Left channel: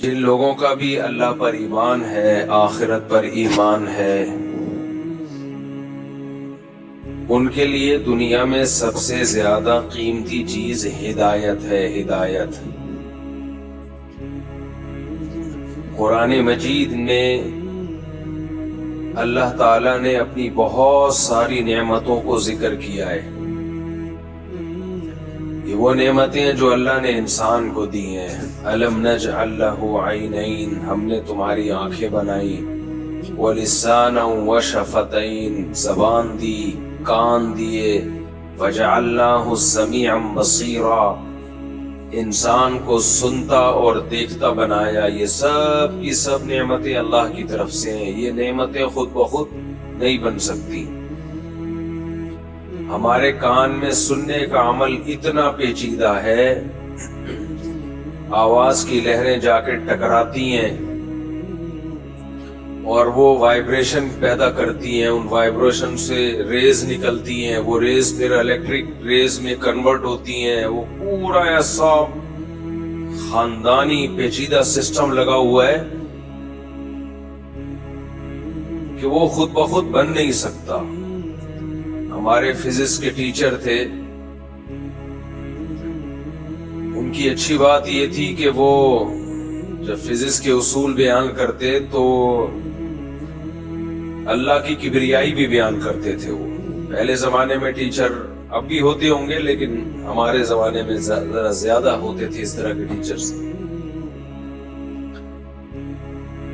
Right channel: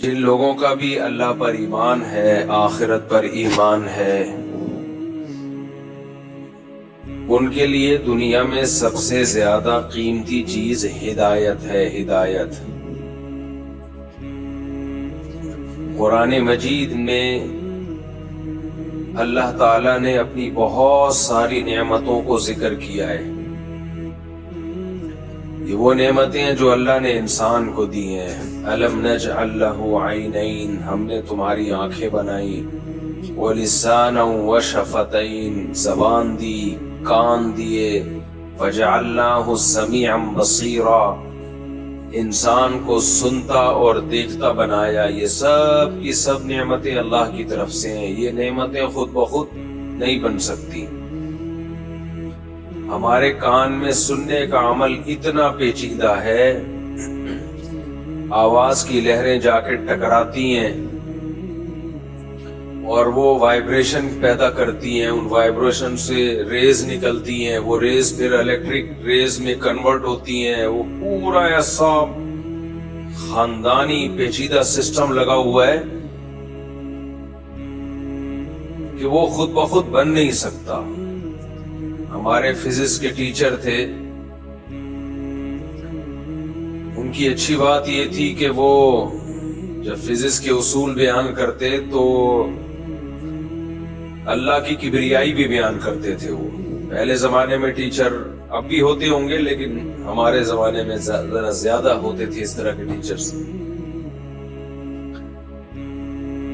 جن لوگوں کا بھی اللہ پر ایمان ہے، آخرت پر ایمان ہے، ان کے لیے دنیا میں سب سے زیادہ قیمتی چیز ہدایت ہے، ہدایت۔ قرآن مجید میں اللہ تعالیٰ نے اپنی بہت ساری نعمتوں کو ذکر کیا ہے۔ یہ وہ نعمتیں ہیں جو اللہ نے انسان کو دی ہیں۔ أَلَمْ نَجْعَلْ لَهُ عَيْنَيْن، ہم نے تمہاری آنکھیں بنائی، وَلِسَانًا وَشَفَتَيْن، زبان دی، کان دیے، فَجَعَلْنَاهُ سَمِيعًا بَصِيرًا، انسان کو سنتا اور دیکھتا بنایا۔ یہ سب کی سب نعمتیں اللہ کی طرف سے ہیں۔ یہ نعمتیں خود بخود نہیں بن سکتی۔ ہمارے کان میں سننے کا عمل اتنا پیچیدہ ہے، آواز کی لہریں جا کے ٹکراتی ہیں اور وہ وائبریشن پیدا کرتی ہیں، ان وائبریشن سے ریز نکلتی ہیں، وہ ریز پھر الیکٹرک ریز میں کنورٹ ہوتی ہیں۔ وہ پورا ایسا خاندانی پیچیدہ سسٹم لگا ہوا ہے کہ وہ خود بخود بن نہیں سکتا۔ ہمارے فزکس کے ٹیچر تھے، ان کی اچھی بات یہ تھی کہ وہ جب فزکس کے اصول بیان کرتے تو اللہ کی کبریائی بھی بیان کرتے تھے۔ وہ پہلے زمانے میں ٹیچر اب بھی ہوتے ہوں گے، لیکن ہمارے زمانے میں ذرا زیادہ ہوتے تھے اس طرح کے ٹیچرز۔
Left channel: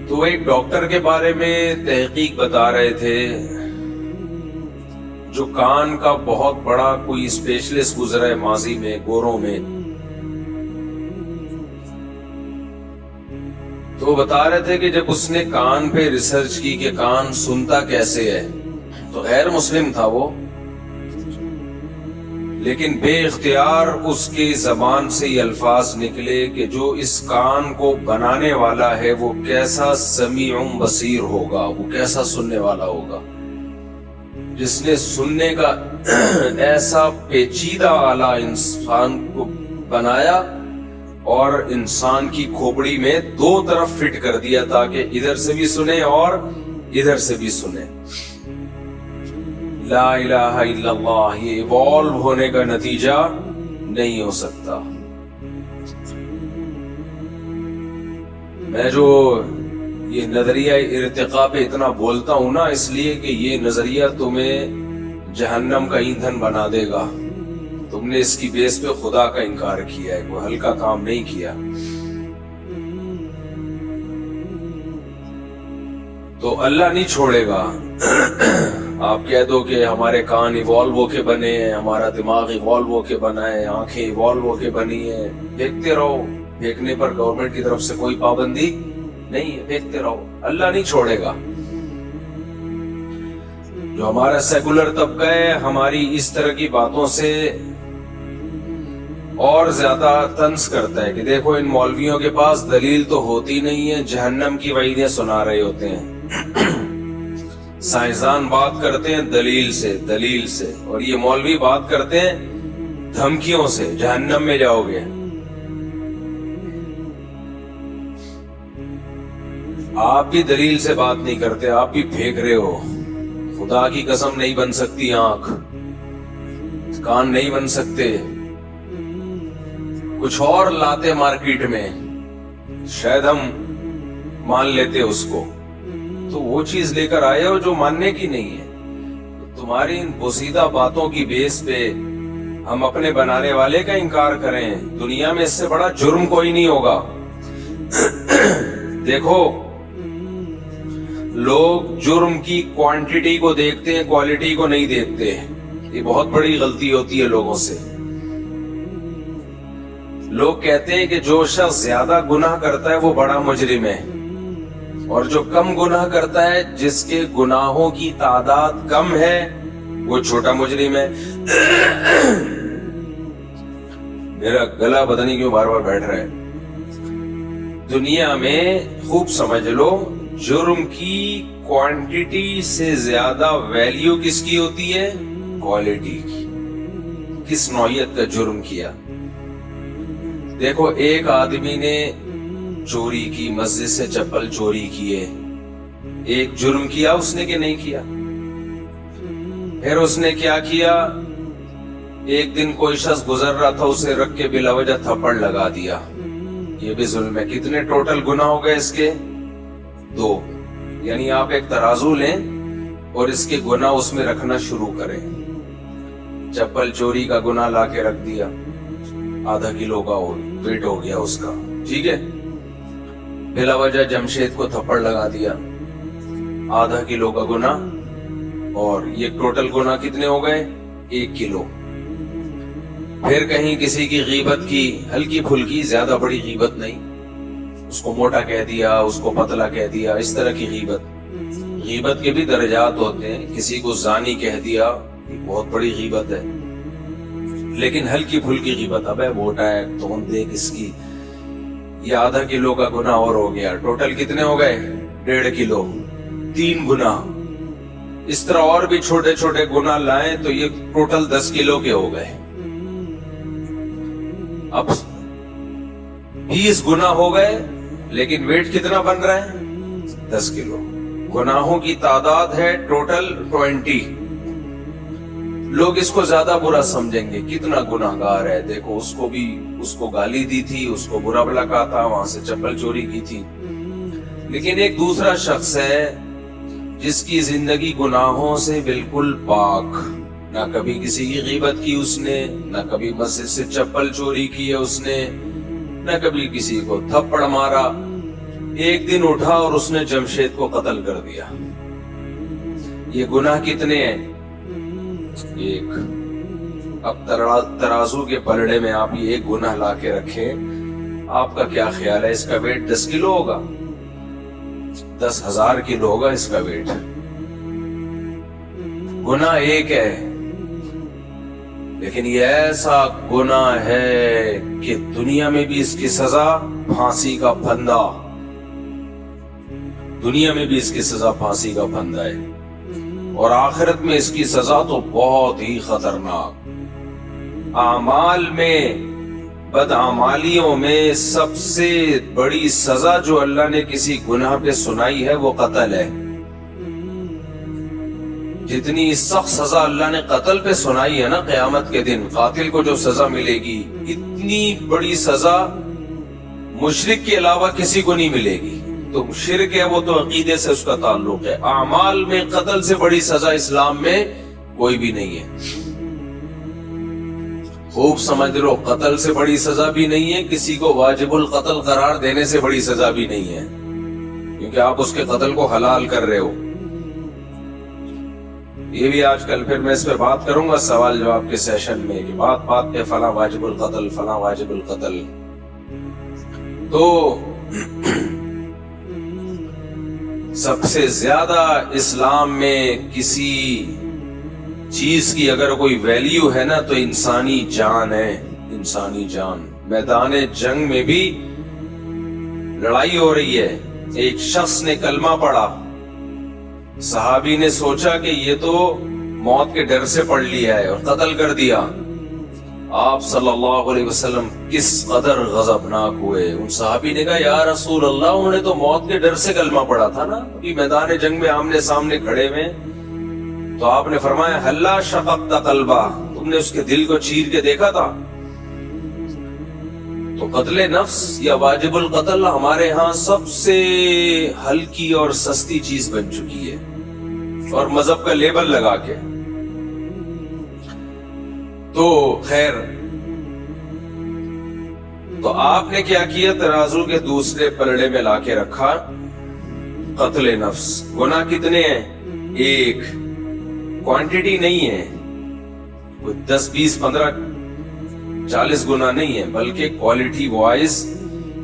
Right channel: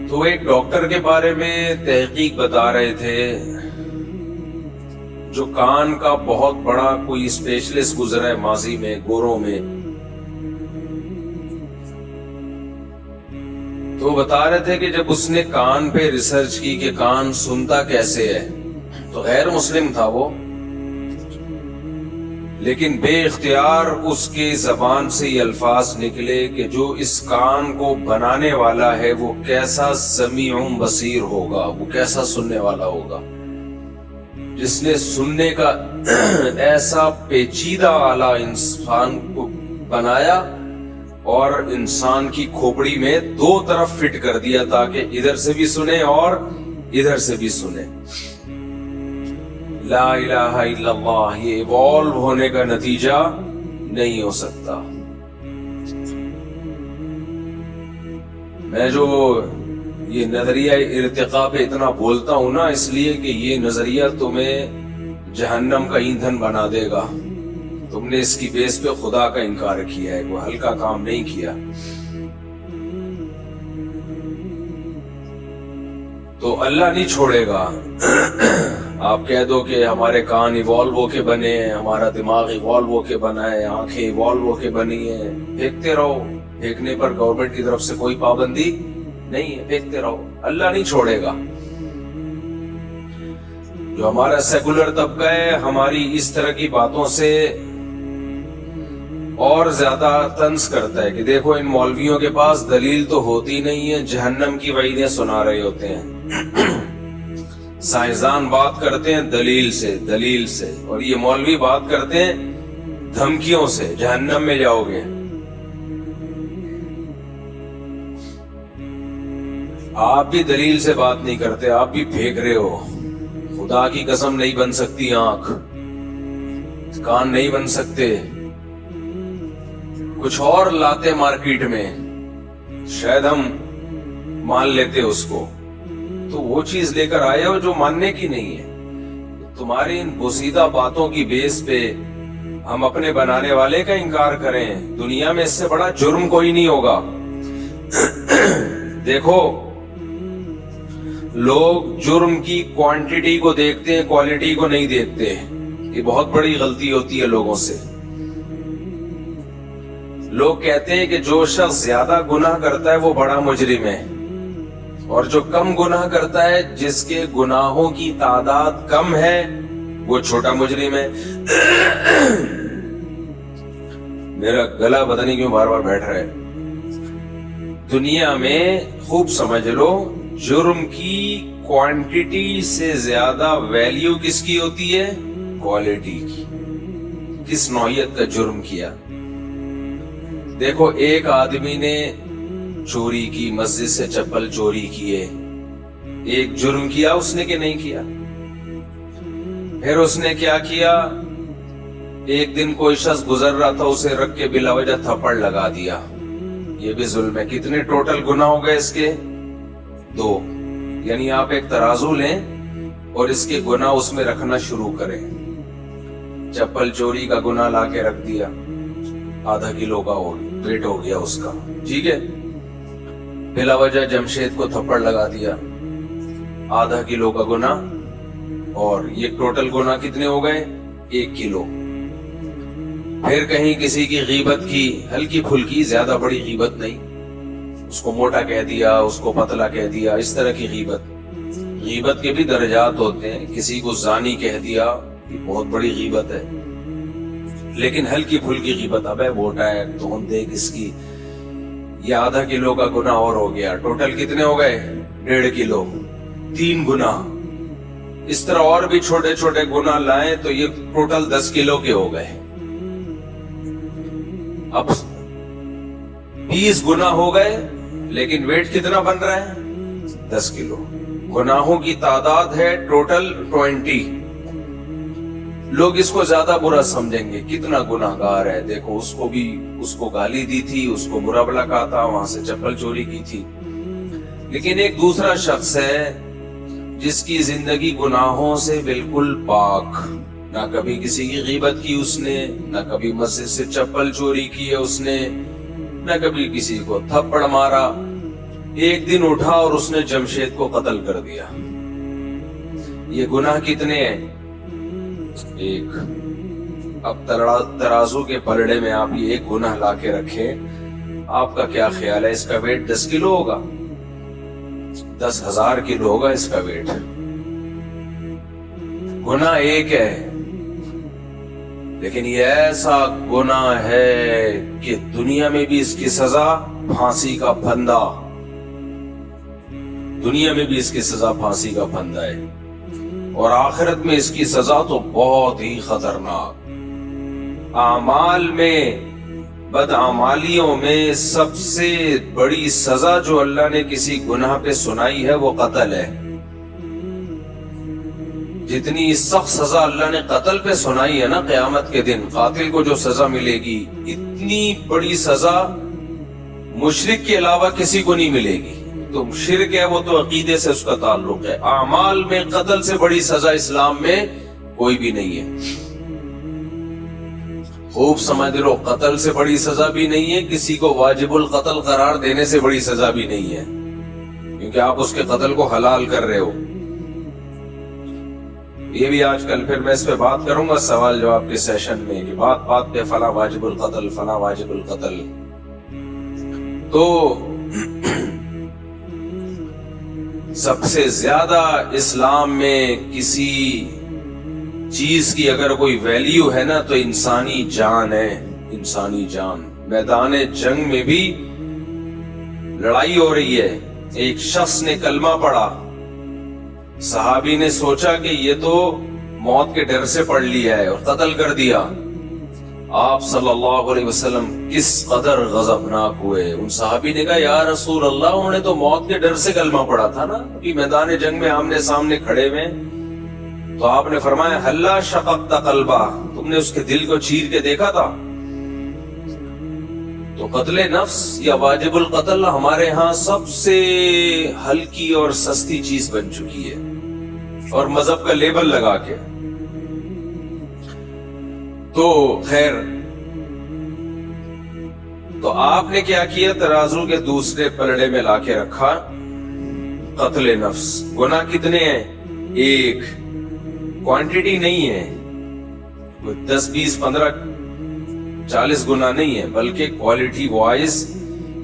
تو ایک ڈاکٹر کے بارے میں تحقیق بتا رہے تھے جو کان کا بہت بڑا کوئی اسپیشلسٹ گزرا ہے ماضی میں، گوروں میں۔ تو وہ بتا رہے تھے کہ جب اس نے کان پہ ریسرچ کی کہ کان سنتا کیسے ہے، تو غیر مسلم تھا وہ، لیکن بے اختیار اس کے زبان سے یہ الفاظ نکلے کہ جو اس کان کو بنانے والا ہے وہ کیسا سمیع بصیر ہوگا، وہ کیسا سننے والا ہوگا، جس نے سننے کا ایسا پیچیدہ آلہ انسان کو بنایا اور انسان کی کھوپڑی میں دو طرف فٹ کر دیا تاکہ ادھر سے بھی سنے اور ادھر سے بھی سنے۔ لا الہ الا اللہ، یہ ایوالو ہونے کا نتیجہ نہیں ہو سکتا۔ میں جو یہ نظریہ ارتقاء پہ اتنا بولتا ہوں نا، اس لیے کہ یہ نظریہ تمہیں جہنم کا ایندھن بنا دے گا۔ تم نے اس کی بیس پہ خدا کا انکار کیا ہے، وہ ہلکا کام نہیں کیا۔ تو اللہ نہیں چھوڑے گا۔ آپ کہہ دو کہ ہمارے کان ایوالو ہو کے بنے ہیں، ہمارا دماغ ایوالو ہو کے بنا ہے، آنکھیں ایوالو ہو کے بنی ہیں، پھینکتے رہو۔ پھینکنے پر گورنمنٹ کی طرف سے کوئی پابندی نہیں ہے، پھینکتے رہو، اللہ نہیں چھوڑے گا۔ جو ہمارا سیکولر طبقہ ہے ہماری اس طرح کی باتوں سے اور زیادہ طنز کرتا ہے کہ دیکھو ان مولویوں کے پاس دلیل تو ہوتی نہیں ہے، جہنم کی وعیدیں سنا رہے ہوتے ہیں۔ سائنسدان بات کرتے ہیں دلیل سے، اور یہ مولوی بات کرتے ہیں دھمکیوں سے، جہنم میں جاؤ گے۔ آپ بھی دلیل سے بات نہیں کرتے، آپ بھی پھینک رہے ہو۔ خدا کی قسم نہیں بن سکتی آنکھ، کان نہیں بن سکتے، کچھ اور لاتے مارکیٹ میں، شاید ہم مان لیتے اس کو، تو وہ چیز لے کر آئے ہو جو ماننے کی نہیں ہے۔ تمہاری ان بوسیدہ باتوں کی بیس پہ ہم اپنے بنانے والے کا انکار کریں، دنیا میں اس سے بڑا جرم کوئی نہیں ہوگا۔ دیکھو، لوگ جرم کی کوانٹیٹی کو دیکھتے ہیں، کوالٹی کو نہیں دیکھتے۔ یہ بہت بڑی غلطی ہوتی ہے لوگوں سے۔ لوگ کہتے ہیں کہ جو شخص زیادہ گناہ کرتا ہے وہ بڑا مجرم ہے، اور جو کم گناہ کرتا ہے، جس کے گناہوں کی تعداد کم ہے، وہ چھوٹا مجرم ہے۔ میرا گلا پتہ نہیں کیوں بار بار بیٹھ رہا ہے۔ دنیا میں خوب سمجھ لو، جرم کی کوانٹیٹی سے زیادہ ویلیو کس کی ہوتی ہے؟ کوالٹی کی۔ کس نوعیت کا جرم کیا؟ دیکھو، ایک آدمی نے چوری کی, مسجد سے چپل چوری کیے. ایک جرم کیا اس نے کہ نہیں کیا؟ پھر اس نے کیا کیا, ایک دن کوئی شخص گزر رہا تھا, اسے رکھ کے بلا وجہ تھپڑ لگا دیا. یہ بھی ظلم ہے. کتنے ٹوٹل گناہ ہو گئے اس کے؟ 2. یعنی آپ ایک ترازو لیں اور اس کے گناہ اس میں رکھنا شروع کریں. چپل چوری کا گناہ لا کے رکھ دیا, آدھا کلو کا ویٹ ہو گیا اس کا, ٹھیک ہے. بلا وجہ جمشید کو تھپڑ لگا دیا, آدھا کلو کا گناہ, اور یہ ٹوٹل گناہ کتنے ہو گئے؟ 1 کلو. پھر کہیں کسی کی غیبت کی, ہلکی پھلکی, زیادہ بڑی غیبت نہیں, اس کو موٹا کہہ دیا, اس کو پتلا کہہ دیا, اس طرح کی غیبت. غیبت کے بھی درجات ہوتے ہیں. کسی کو زانی کہہ دیا, بہت بڑی غیبت ہے, لیکن ہلکی پھلکی غیبت, اب موٹا ہے تو دیکھ اس کی, یہ آدھا کلو کا گناہ اور ہو گیا. ٹوٹل کتنے ہو گئے؟ 1.5 کلو. 3 گناہ. اس طرح اور بھی چھوٹے چھوٹے گناہ لائیں تو یہ ٹوٹل 10 کلو کے ہو گئے. اب 20 گناہ ہو گئے, لیکن ویٹ کتنا بن رہا ہے؟ 10 کلو. گناہوں کی تعداد ہے ٹوٹل 20. لوگ اس کو زیادہ برا سمجھیں گے, کتنا گناہ گار ہے, دیکھو اس کو بھی, اس کو گالی دی تھی, اس کو برا بھلا کہا تھا, وہاں سے چپل چوری کی تھی. لیکن ایک دوسرا شخص ہے جس کی زندگی گناہوں سے بالکل پاک, نہ کبھی کسی کی غیبت کی اس نے, نہ کبھی مسجد سے چپل چوری کی ہے اس نے, نہ کبھی کسی کو تھپڑ مارا. ایک دن اٹھا اور اس نے جمشید کو قتل کر دیا. یہ گناہ کتنے ہیں؟ 1. اب ترازو کے پلڑے میں آپ یہ ایک گناہ لا کے رکھیں, آپ کا کیا خیال ہے, اس کا ویٹ 10 کلو ہوگا؟ 10,000 کلو ہوگا اس کا ویٹ. گناہ ایک ہے, لیکن یہ ایسا گناہ ہے کہ دنیا میں بھی اس کی سزا پھانسی کا پھندا, دنیا میں بھی اس کی سزا پھانسی کا پھندا ہے, اور آخرت میں اس کی سزا تو بہت ہی خطرناک. اعمال میں, بدعمالیوں میں سب سے بڑی سزا جو اللہ نے کسی گناہ پہ سنائی ہے وہ قتل ہے. جتنی سخت سزا اللہ نے قتل پہ سنائی ہے نا, قیامت کے دن قاتل کو جو سزا ملے گی, اتنی بڑی سزا مشرک کے علاوہ کسی کو نہیں ملے گی. تو شرک ہے وہ تو عقیدے سے اس کا تعلق ہے. اعمال میں قتل سے بڑی سزا اسلام میں کوئی بھی نہیں ہے. خوب سمجھ لو, قتل سے بڑی سزا بھی نہیں ہے, کسی کو واجب القتل قرار دینے سے بڑی سزا بھی نہیں ہے, کیونکہ آپ اس کے قتل کو حلال کر رہے ہو. یہ بھی آج کل پھر میں اس پہ بات کروں گا سوال جواب کے سیشن میں, کہ بات بات پہ فلاں واجب القتل, فلاں واجب القتل. تو سب سے زیادہ اسلام میں کسی چیز کی اگر کوئی ویلیو ہے نا تو انسانی جان ہے, انسانی جان. میدان جنگ میں بھی لڑائی ہو رہی ہے, ایک شخص نے کلمہ پڑھا, صحابی نے سوچا کہ یہ تو موت کے ڈر سے پڑھ لیا ہے اور قتل کر دیا. آپ صلی اللہ علیہ وسلم کس قدر غضبناک ہوئے. ان صحابی نے کہا یا رسول اللہ, انہوں نے تو موت کے ڈر سے کلمہ پڑھا تھا نا, ابھی میدان جنگ میں آمنے سامنے کھڑے ہوئے. تو آپ نے فرمایا ہلا شققت قلبہ, تم نے اس کے دل کو چیر کے دیکھا تھا. تو قتل نفس یا واجب القتل ہمارے ہاں سب سے ہلکی اور سستی چیز بن چکی ہے, اور مذہب کا لیبل لگا کے. تو خیر, تو آپ نے کیا کیا, ترازو کے دوسرے پلڑے میں لا کے رکھا قتل نفس. گناہ کتنے ہیں؟ 1. کوانٹیٹی نہیں ہے, 10 20 15 40 گناہ نہیں ہے, بلکہ کوالٹی وائز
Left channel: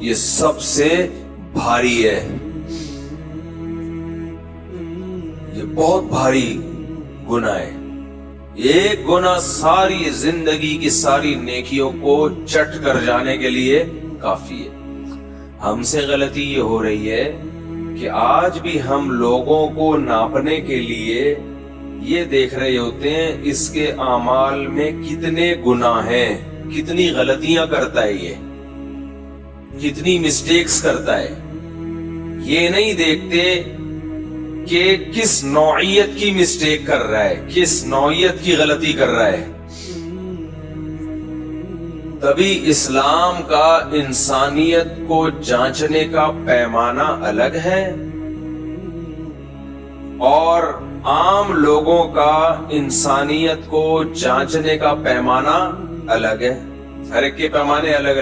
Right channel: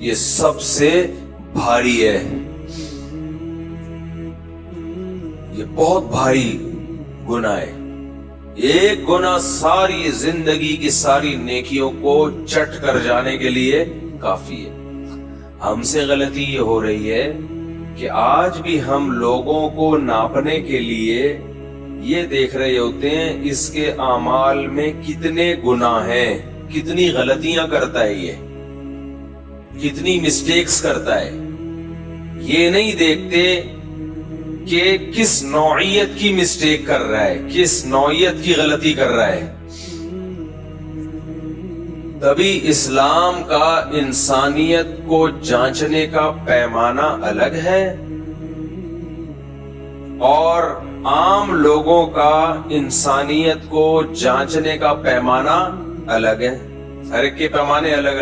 یہ سب سے بھاری ہے. یہ بہت بھاری گناہ ہے. ایک گناہ ساری زندگی کی ساری نیکیوں کو چٹ کر جانے کے لیے کافی ہے. ہم سے غلطی یہ ہو رہی ہے کہ آج بھی ہم لوگوں کو ناپنے کے لیے یہ دیکھ رہے ہوتے ہیں اس کے اعمال میں کتنے گناہ ہیں, کتنی غلطیاں کرتا ہے. یہ کتنی مسٹیکس کرتا ہے، یہ نہیں دیکھتے کہ کس نوعیت کی مسٹیک کر رہا ہے، کس نوعیت کی غلطی کر رہا ہے۔ تبھی اسلام کا انسانیت کو جانچنے کا پیمانہ الگ ہے اور عام لوگوں کا انسانیت کو جانچنے کا پیمانہ الگ ہے، ہر ایک کے پیمانے الگ الگ